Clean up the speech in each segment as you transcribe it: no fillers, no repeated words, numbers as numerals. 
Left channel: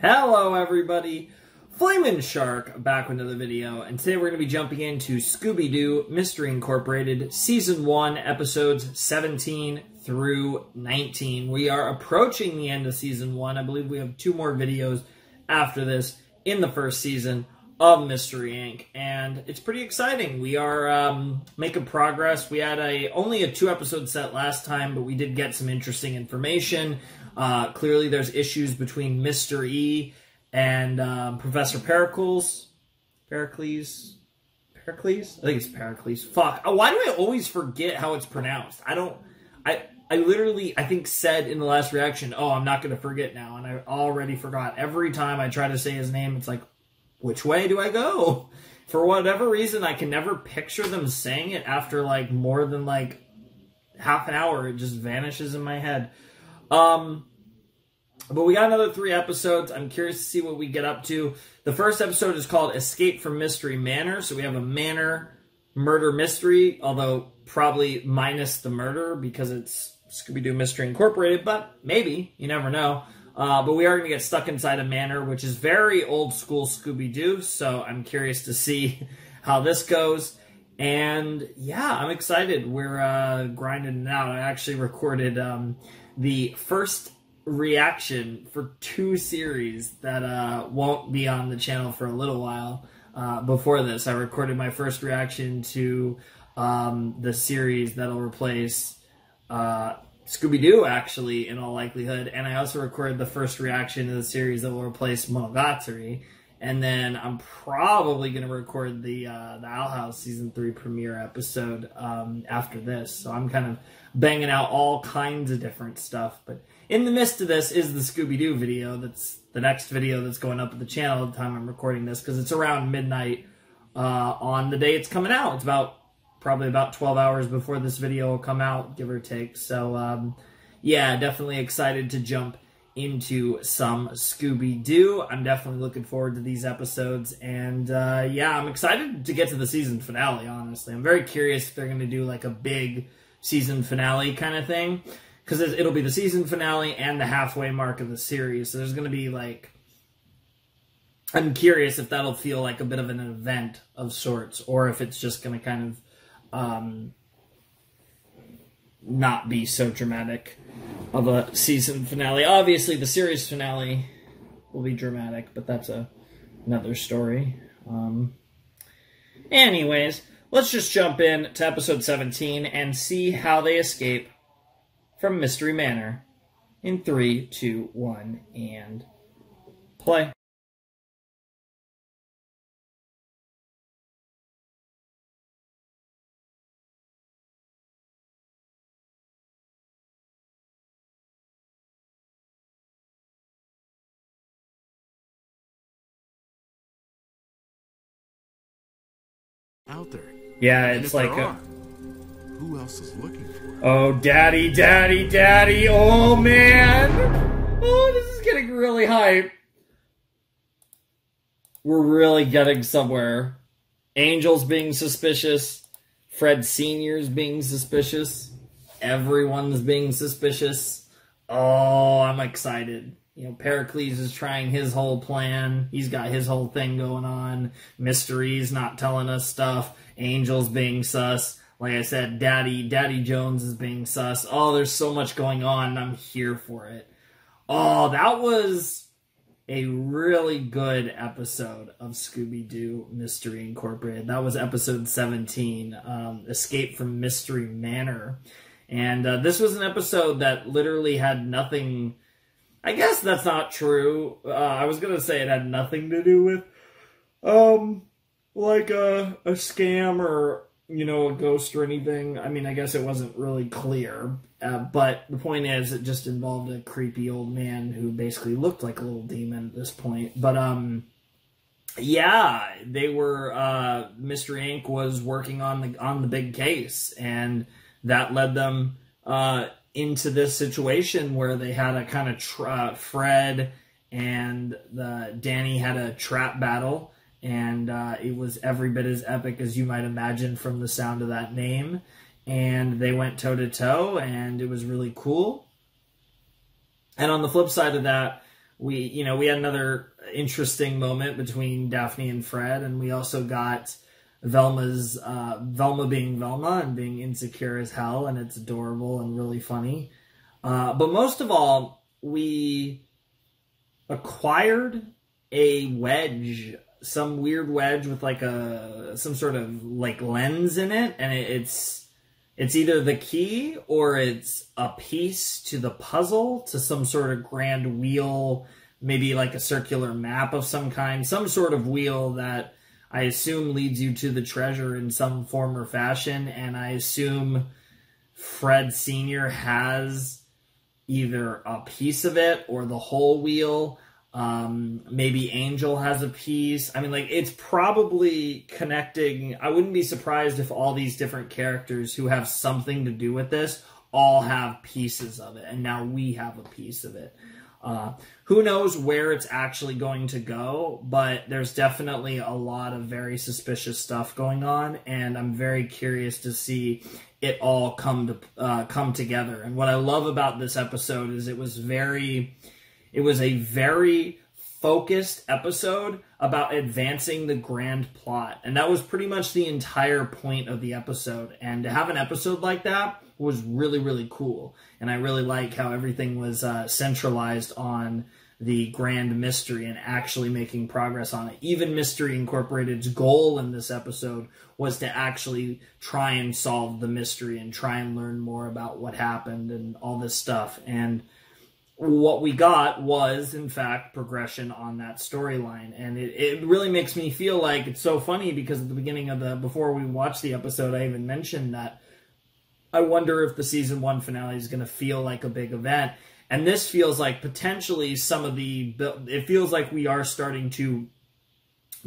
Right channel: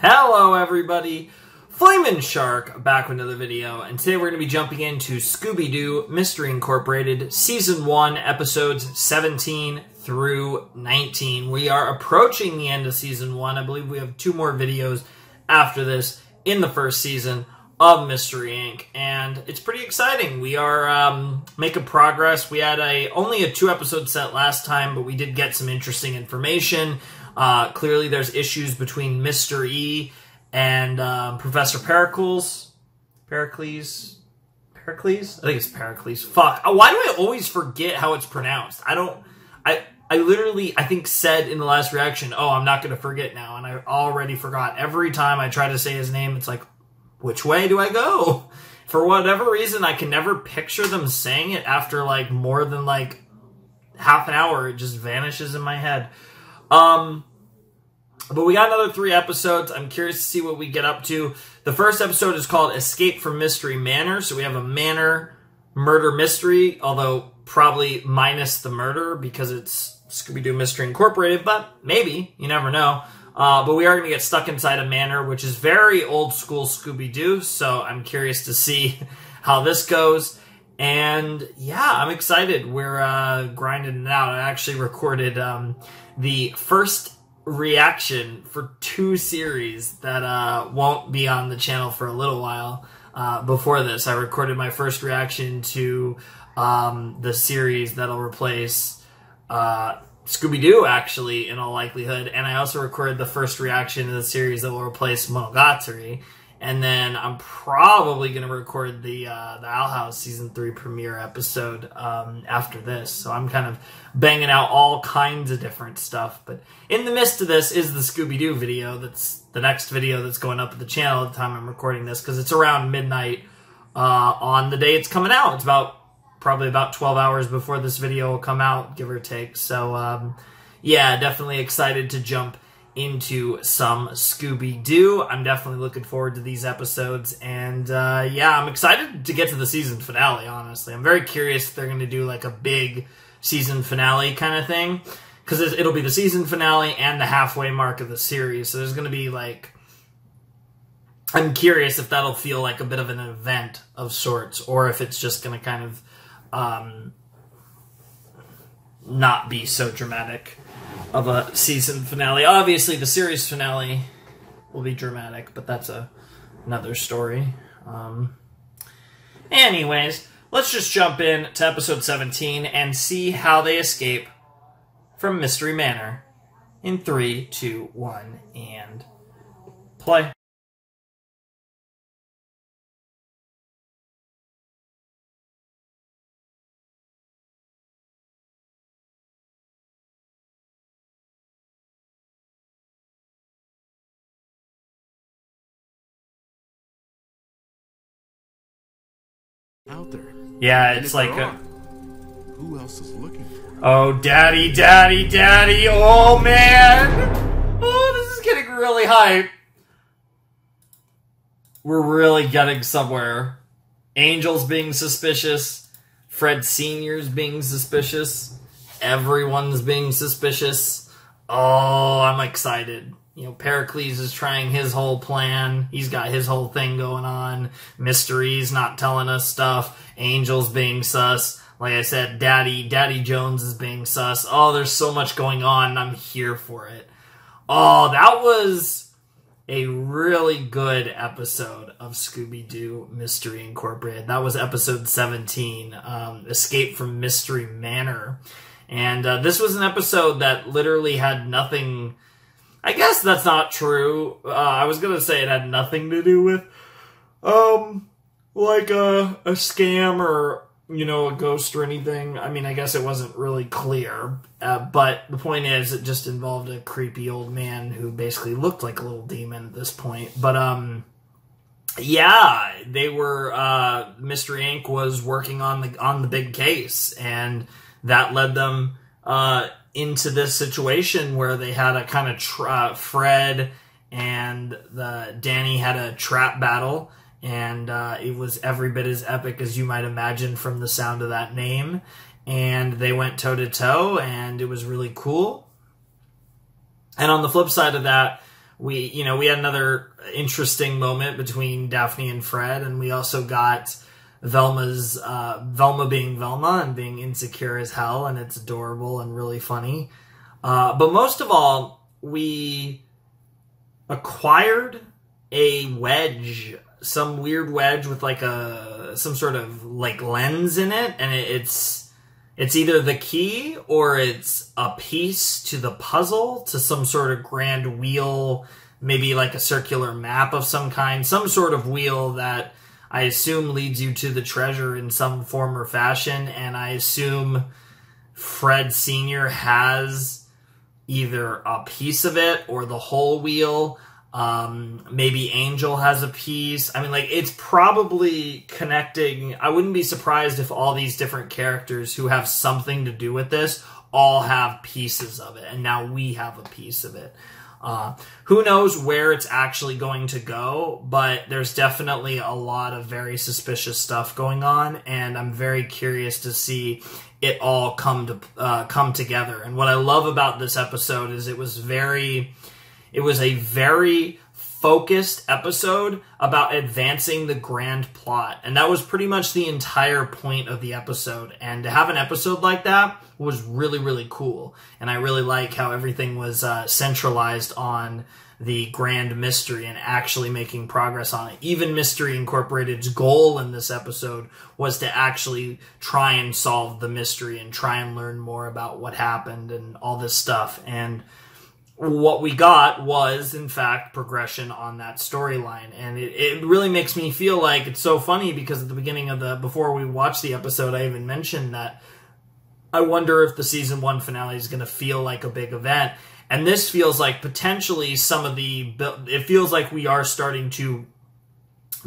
Hello everybody, Flamin' Shark back with another video, and today we're going to be jumping into Scooby-Doo Mystery Incorporated Season 1, Episodes 17 through 19. We are approaching the end of Season 1. I believe we have 2 more videos after this in the first season of Mystery Inc. And it's pretty exciting. We are making progress. We had only a 2-episode set last time, but we did get some interesting information. Clearly there's issues between Mr. E and Professor Pericles. Pericles? I think it's Pericles. Fuck. Why do I always forget how it's pronounced? I literally, I think, said in the last reaction, oh, I'm not going to forget now, and I already forgot. Every time I try to say his name, it's like, which way do I go? For whatever reason, I can never picture them saying it after, like, more than, like, half an hour. It just vanishes in my head. But we got another 3 episodes. I'm curious to see what we get up to. The first episode is called Escape from Mystery Manor. So we have a Manor murder mystery, although probably minus the murder because it's Scooby-Doo Mystery Incorporated, but maybe. You never know. But we are going to get stuck inside a manor, which is very old school Scooby-Doo. So I'm curious to see how this goes. And yeah, I'm excited. We're grinding it out. I actually recorded the first reaction for 2 series that won't be on the channel for a little while. Before this, I recorded my first reaction to the series that'll replace Scooby-Doo, actually, in all likelihood. And I also recorded the first reaction to the series that will replace Monogatari. And then I'm probably going to record the Owl House Season 3 premiere episode after this. So I'm kind of banging out all kinds of different stuff. But in the midst of this is the Scooby-Doo video. That's the next video that's going up at the channel at the time I'm recording this, because it's around midnight on the day it's coming out. It's probably about 12 hours before this video will come out, give or take. So yeah, definitely excited to jump into some Scooby-Doo. I'm definitely looking forward to these episodes, and yeah, I'm excited to get to the season finale, honestly. I'm very curious if they're going to do like a big season finale kind of thing, because it'll be the season finale and the halfway mark of the series, so there's going to be like, I'm curious if that'll feel like a bit of an event of sorts, or if it's just going to kind of not be so dramatic of a season finale. Obviously, the series finale will be dramatic, but that's another story. Anyways, let's just jump in to episode 17 and see how they escape from Mystery Manor in 3, 2, 1, and play. Out there. Yeah, and it's like who else is looking for it? Oh, daddy, daddy, daddy. Oh, man. Oh, this is getting really hype. We're really getting somewhere. Angel's being suspicious. Fred Sr.'s being suspicious. Everyone's being suspicious. Oh, I'm excited. You know, Pericles is trying his whole plan. He's got his whole thing going on. Mystery's not telling us stuff. Angel's being sus. Like I said, Daddy Jones is being sus. Oh, there's so much going on, and I'm here for it. Oh, that was a really good episode of Scooby-Doo Mystery Incorporated. That was episode 17, Escape from Mystery Manor. And this was an episode that literally had nothing... I guess that's not true. I was going to say it had nothing to do with, like a scam or, you know, a ghost or anything. I mean, I guess it wasn't really clear. But the point is, it just involved a creepy old man who basically looked like a little demon at this point. But, yeah, they were, Mystery Inc. was working on the big case, and that led them, into this situation where they had a kind of Fred and Danny had a trap battle, and it was every bit as epic as you might imagine from the sound of that name, and they went toe-to-toe, and it was really cool. And on the flip side of that, we had another interesting moment between Daphne and Fred, and we also got Velma being Velma and being insecure as hell, and it's adorable and really funny. But most of all, we acquired a wedge, some weird wedge with like some sort of like lens in it, and it's either the key or it's a piece to the puzzle, to some sort of grand wheel, maybe like a circular map of some kind, some sort of wheel that I assume leads you to the treasure in some form or fashion. And I assume Fred Sr. has either a piece of it or the whole wheel. Maybe Angel has a piece. I mean, like, it's probably connecting. I wouldn't be surprised if all these different characters who have something to do with this all have pieces of it, and now we have a piece of it. Who knows where it's actually going to go, but there's definitely a lot of very suspicious stuff going on, and I'm very curious to see it all come together. And what I love about this episode is it was a very focused episode about advancing the grand plot. And that was pretty much the entire point of the episode. And to have an episode like that was really, really cool. And I really like how everything was centralized on the grand mystery and actually making progress on it. Even Mystery Incorporated's goal in this episode was to actually try and solve the mystery and try and learn more about what happened and all this stuff. And what we got was, in fact, progression on that storyline. And it really makes me feel like it's so funny, because at the beginning of before we watched the episode, I even mentioned that I wonder if the season 1 finale is going to feel like a big event. And this feels like potentially it feels like we are starting to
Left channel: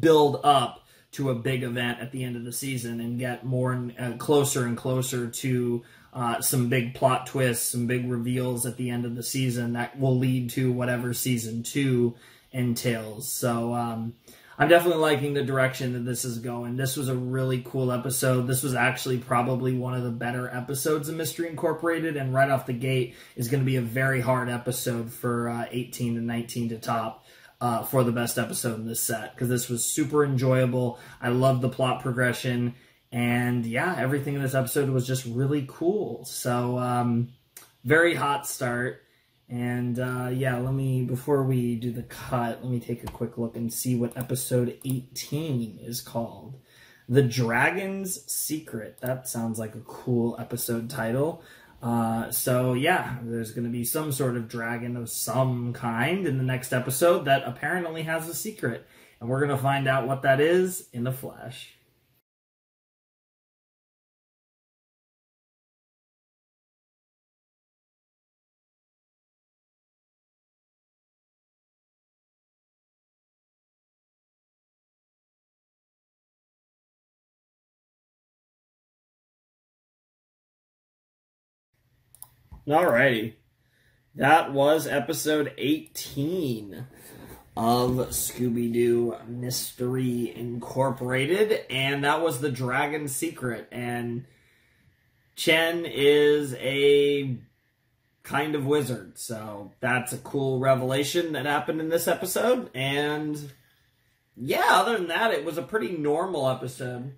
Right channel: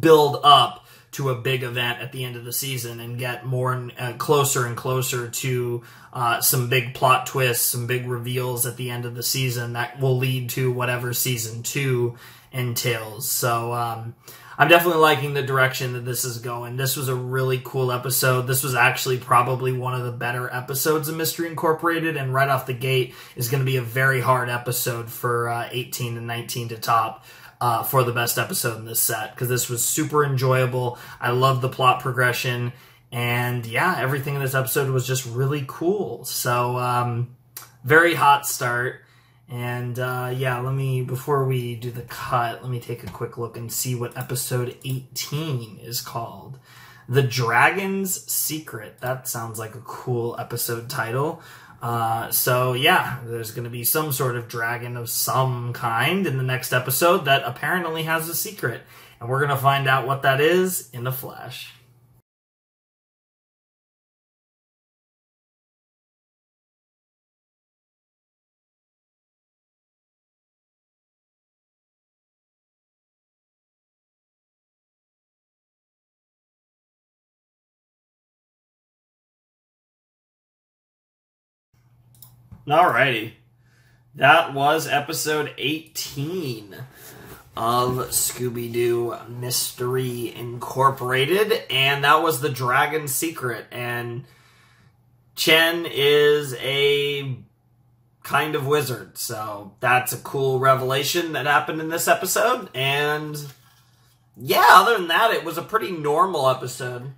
build up to a big event at the end of the season and get more and closer and closer to some big plot twists, some big reveals at the end of the season that will lead to whatever season 2 entails. So I'm definitely liking the direction that this is going. This was a really cool episode. This was actually probably one of the better episodes of Mystery Incorporated, and right off the gate is going to be a very hard episode for 18 and 19 to top for the best episode in this set, because this was super enjoyable. I love the plot progression. And yeah, everything in this episode was just really cool. So, very hot start. And yeah, before we do the cut, let me take a quick look and see what episode 18 is called. The Dragon's Secret. That sounds like a cool episode title. So yeah, there's going to be some sort of dragon of some kind in the next episode that apparently has a secret. And we're going to find out what that is in the flash. Alrighty. That was episode 18 of Scooby-Doo Mystery Incorporated, and that was The Dragon's Secret. And Chen is a kind of wizard, so that's a cool revelation that happened in this episode. And yeah, other than that, it was a pretty normal episode.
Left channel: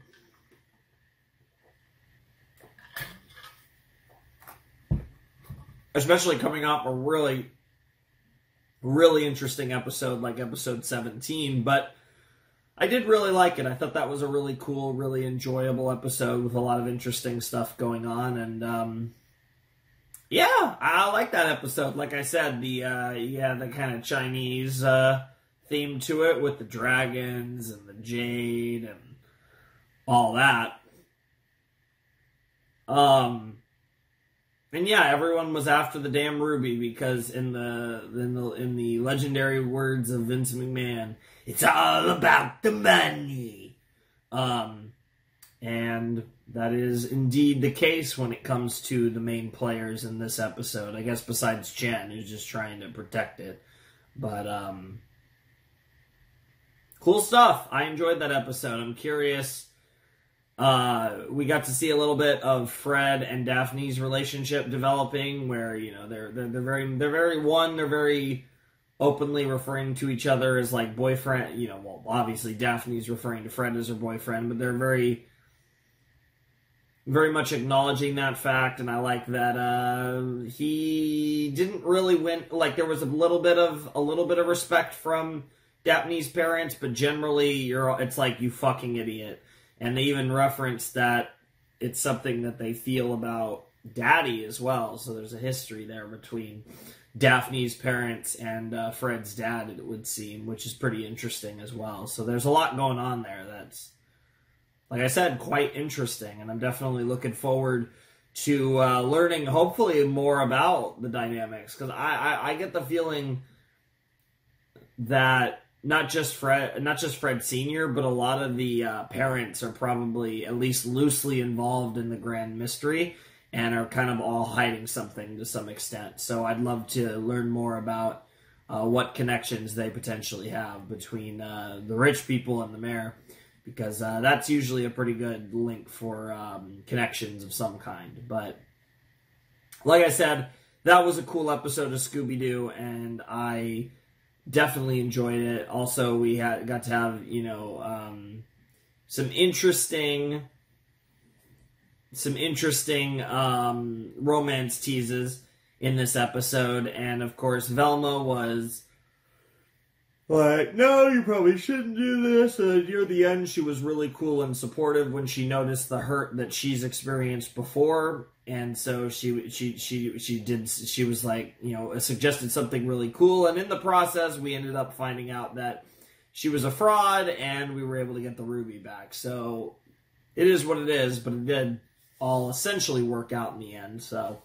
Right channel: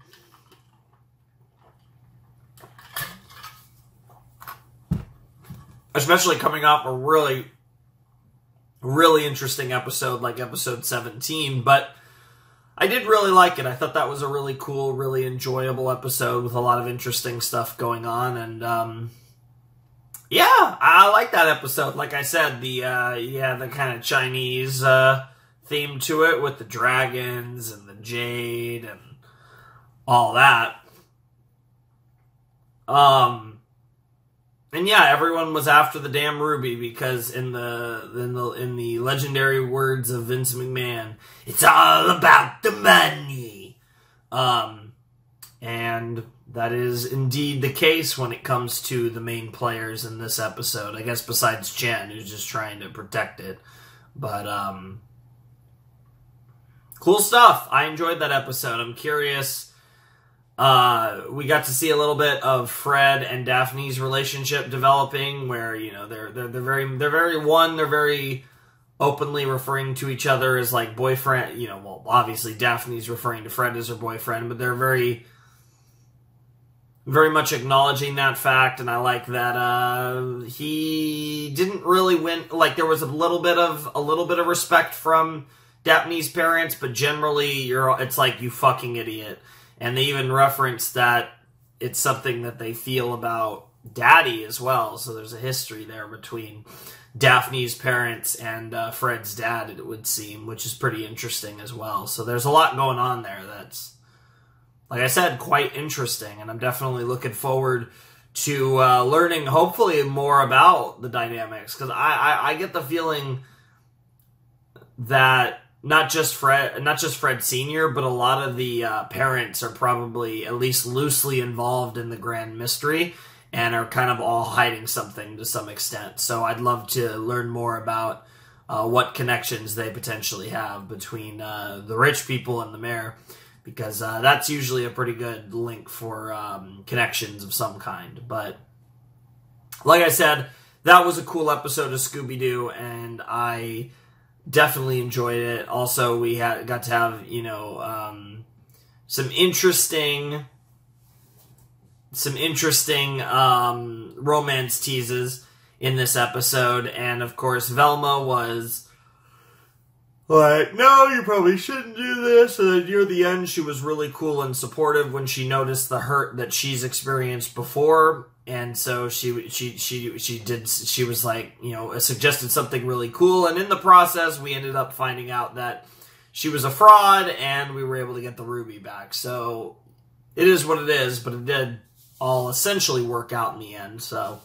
Especially coming off a really, really interesting episode like episode 17. But I did really like it. I thought that was a really cool, really enjoyable episode with a lot of interesting stuff going on. And yeah, I like that episode. Like I said, the kind of Chinese theme to it with the dragons and the jade and all that. And yeah, everyone was after the damn ruby, because in the legendary words of Vince McMahon, it's all about the money. And that is indeed the case when it comes to the main players in this episode. I guess besides Chen, who's just trying to protect it. But cool stuff. I enjoyed that episode. I'm curious. We got to see a little bit of Fred and Daphne's relationship developing, where they're very openly referring to each other as like boyfriend, you know, well, obviously Daphne's referring to Fred as her boyfriend, but they're very, very much acknowledging that fact, and I like that he didn't really win. Like, there was a little bit of respect from Daphne's parents, but generally it's like, you fucking idiot. And they even referenced that it's something that they feel about Daddy as well. So there's a history there between Daphne's parents and Fred's dad, it would seem, which is pretty interesting as well. So there's a lot going on there that's, like I said, quite interesting. And I'm definitely looking forward to learning, hopefully, more about the dynamics. Because I get the feeling that not just Fred Sr., but a lot of the parents are probably at least loosely involved in the grand mystery and are kind of all hiding something to some extent. So I'd love to learn more about what connections they potentially have between the rich people and the mayor, because that's usually a pretty good link for connections of some kind. But like I said, that was a cool episode of Scooby-Doo, and I definitely enjoyed it. Also, we got to have, you know, some interesting romance teases in this episode. And of course, Velma was like, no, you probably shouldn't do this. And then near the end, she was really cool and supportive when she noticed the hurt that she's experienced before. And so she was like, you know, suggested something really cool. And in the process, we ended up finding out that she was a fraud, and we were able to get the ruby back. So it is what it is, but it did all essentially work out in the end. So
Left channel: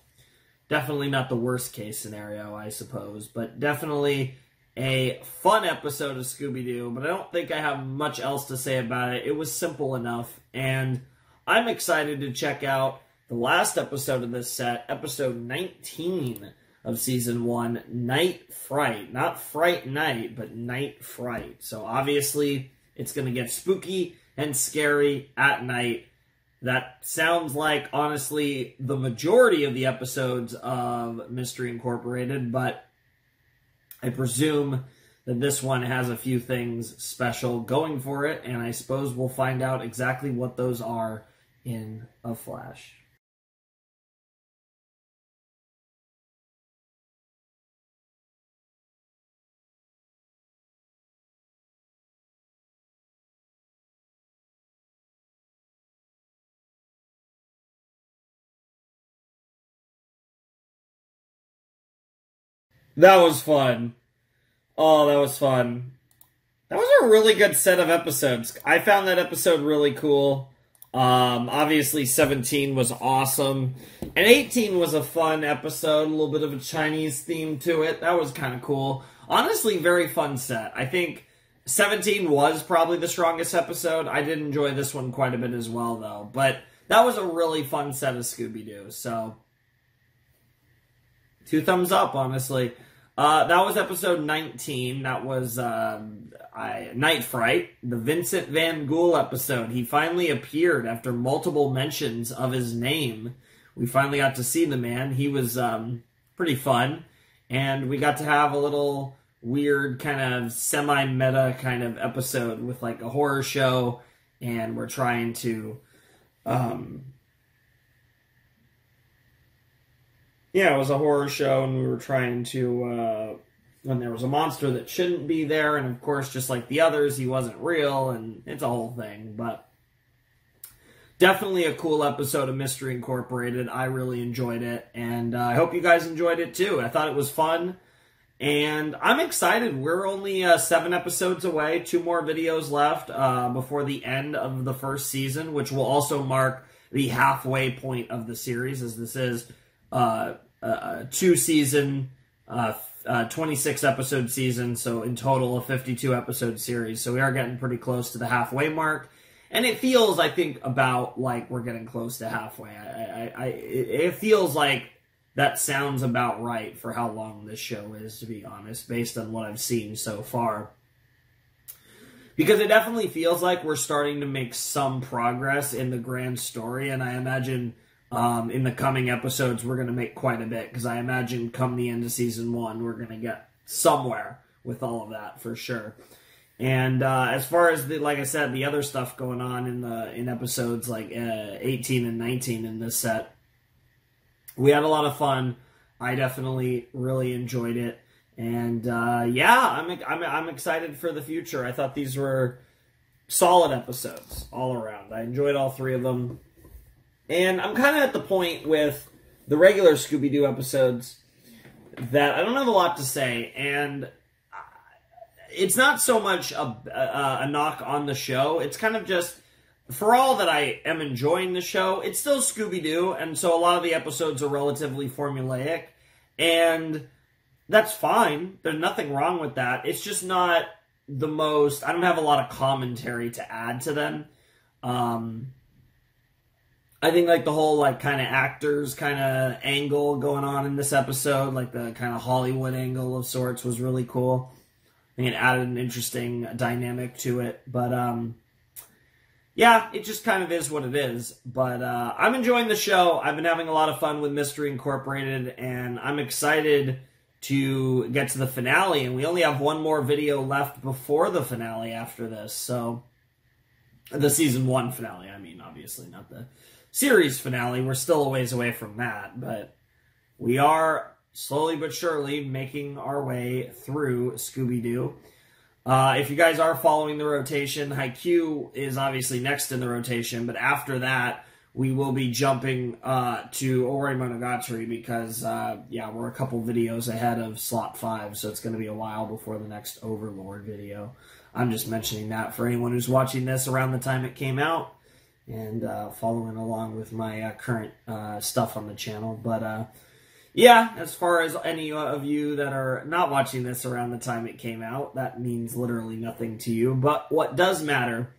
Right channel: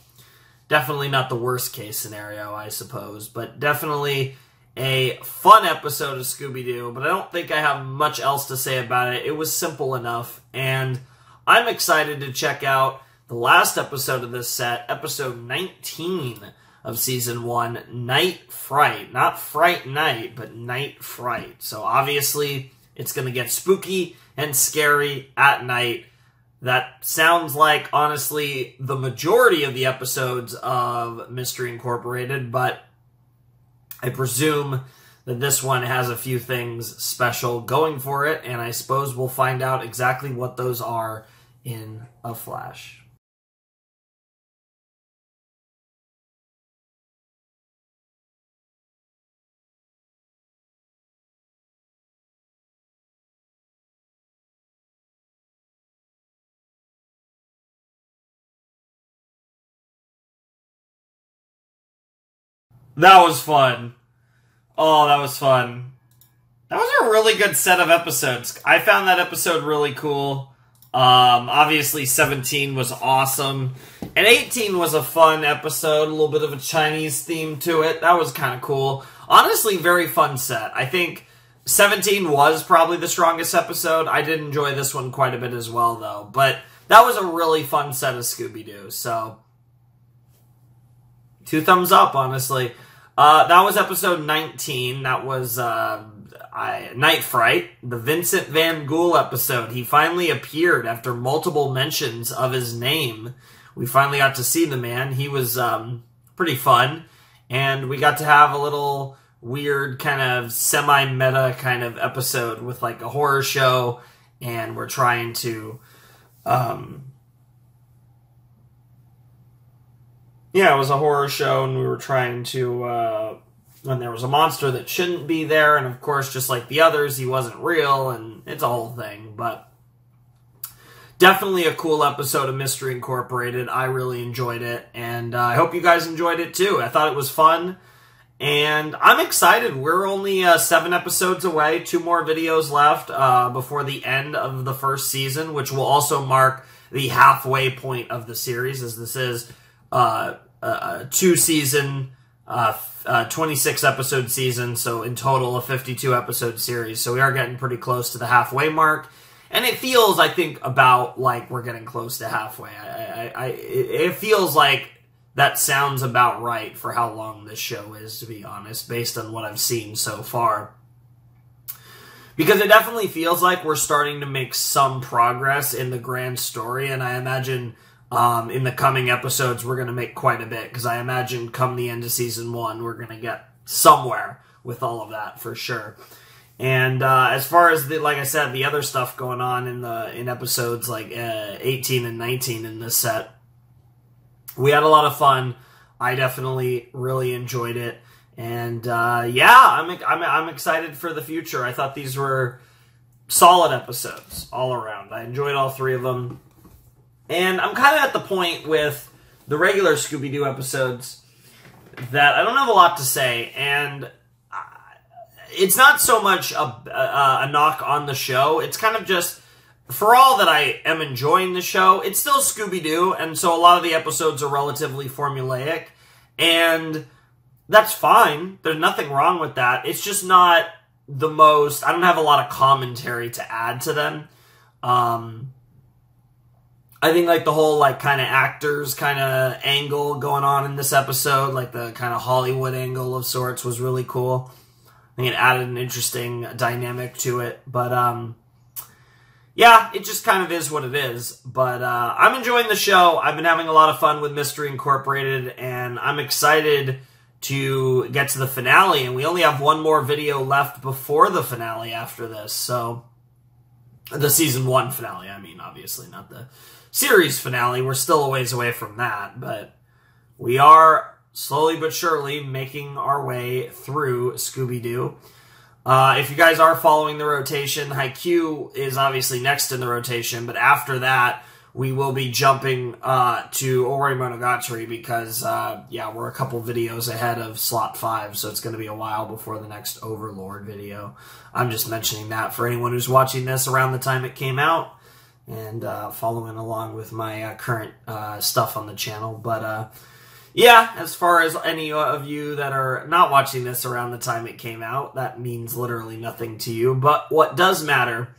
definitely not the worst case scenario, I suppose, but definitely a fun episode of Scooby-Doo. But I don't think I have much else to say about it. It was simple enough, and I'm excited to check out the last episode of this set, episode 19 of Season 1, Nightfright. Not Fright Night, but Nightfright. So obviously, it's going to get spooky and scary at night. That sounds like, honestly, the majority of the episodes of Mystery Incorporated, but I presume that this one has a few things special going for it, and I suppose we'll find out exactly what those are in a flash. That was fun. Oh, that was fun. That was a really good set of episodes. I found that episode really cool. Obviously, 17 was awesome. And 18 was a fun episode. A little bit of a Chinese theme to it. That was kind of cool. Honestly, very fun set. I think 17 was probably the strongest episode. I did enjoy this one quite a bit as well, though. But that was a really fun set of Scooby-Doo. So 2 thumbs up, honestly. That was episode 19. That was Night Fright, the Vincent Van Ghoul episode. He finally appeared after multiple mentions of his name. We finally got to see the man. He was pretty fun. And we got to have a little weird kind of semi-meta kind of episode with like a horror show. And we're trying to... yeah, it was a horror show, and we were trying to, when there was a monster that shouldn't be there, and of course, just like the others, he wasn't real, and it's a whole thing, but definitely a cool episode of Mystery Incorporated. I really enjoyed it, and I hope you guys enjoyed it too. I thought it was fun, and I'm excited. We're only 7 episodes away, 2 more videos left before the end of the first season, which will also mark the halfway point of the series, as this is a 2-season, 26-episode season, so in total a 52-episode series. So we are getting pretty close to the halfway mark, and it feels, I think, about like we're getting close to halfway. It feels like that sounds about right for how long this show is, to be honest, based on what I've seen so far. Because it definitely feels like we're starting to make some progress in the grand story, and I imagine in the coming episodes, we're going to make quite a bit, because I imagine come the end of Season 1, we're going to get somewhere with all of that for sure. And as far as like I said, the other stuff going on in episodes like 18 and 19 in this set, we had a lot of fun. I definitely really enjoyed it, and yeah, I'm excited for the future. I thought these were solid episodes all around. I enjoyed all 3 of them, and I'm kind of at the point with the regular Scooby-Doo episodes that I don't have a lot to say, and it's not so much a knock on the show. It's kind of just, for all that I am enjoying the show, it's still Scooby-Doo, and so a lot of the episodes are relatively formulaic, and that's fine. There's nothing wrong with that. It's just not the most... I don't have a lot of commentary to add to them. I think, like, the whole, like, kind of actors kind of angle going on in this episode, like the kind of Hollywood angle of sorts, was really cool. I think it added an interesting dynamic to it. But, yeah, it just kind of is what it is. But I'm enjoying the show. I've been having a lot of fun with Mystery Incorporated, and I'm excited to get to the finale. And we only have one more video left before the finale after this. So, the Season 1 finale, I mean, obviously, not the series finale. We're still a ways away from that, but we are slowly but surely making our way through Scooby-Doo. If you guys are following the rotation, Haikyuu is obviously next in the rotation, but after that, we will be jumping to Ori Monogatari because, yeah, we're a couple videos ahead of slot 5, so it's going to be a while before the next Overlord video. I'm just mentioning that for anyone who's watching this around the time it came out and following along with my current stuff on the channel. But, yeah, as far as any of you that are not watching this around the time it came out, that means literally nothing to you. But what does matter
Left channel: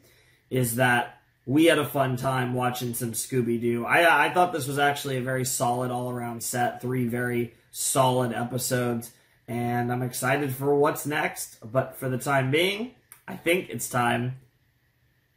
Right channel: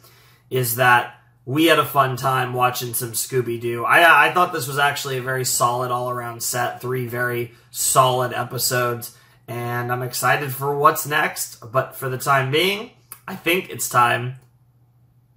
is that we had a fun time watching some Scooby-Doo. I thought this was actually a very solid all-around set, 3 very solid episodes, and I'm excited for what's next. But for the time being, I think it's time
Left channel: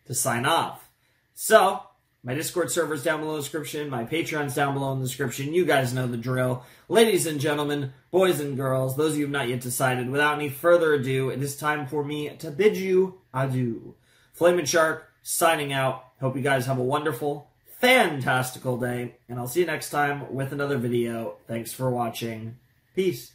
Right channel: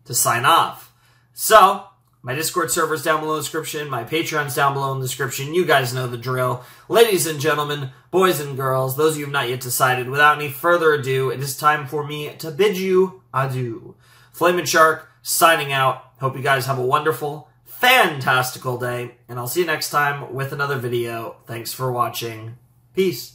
to sign off. So, my Discord server's down below in the description. My Patreon's down below in the description. You guys know the drill. Ladies and gentlemen, boys and girls, those of you who have not yet decided, without any further ado, it is time for me to bid you adieu. Flamin' Shark, signing out. Hope you guys have a wonderful, fantastical day, and I'll see you next time with another video. Thanks for watching. Peace.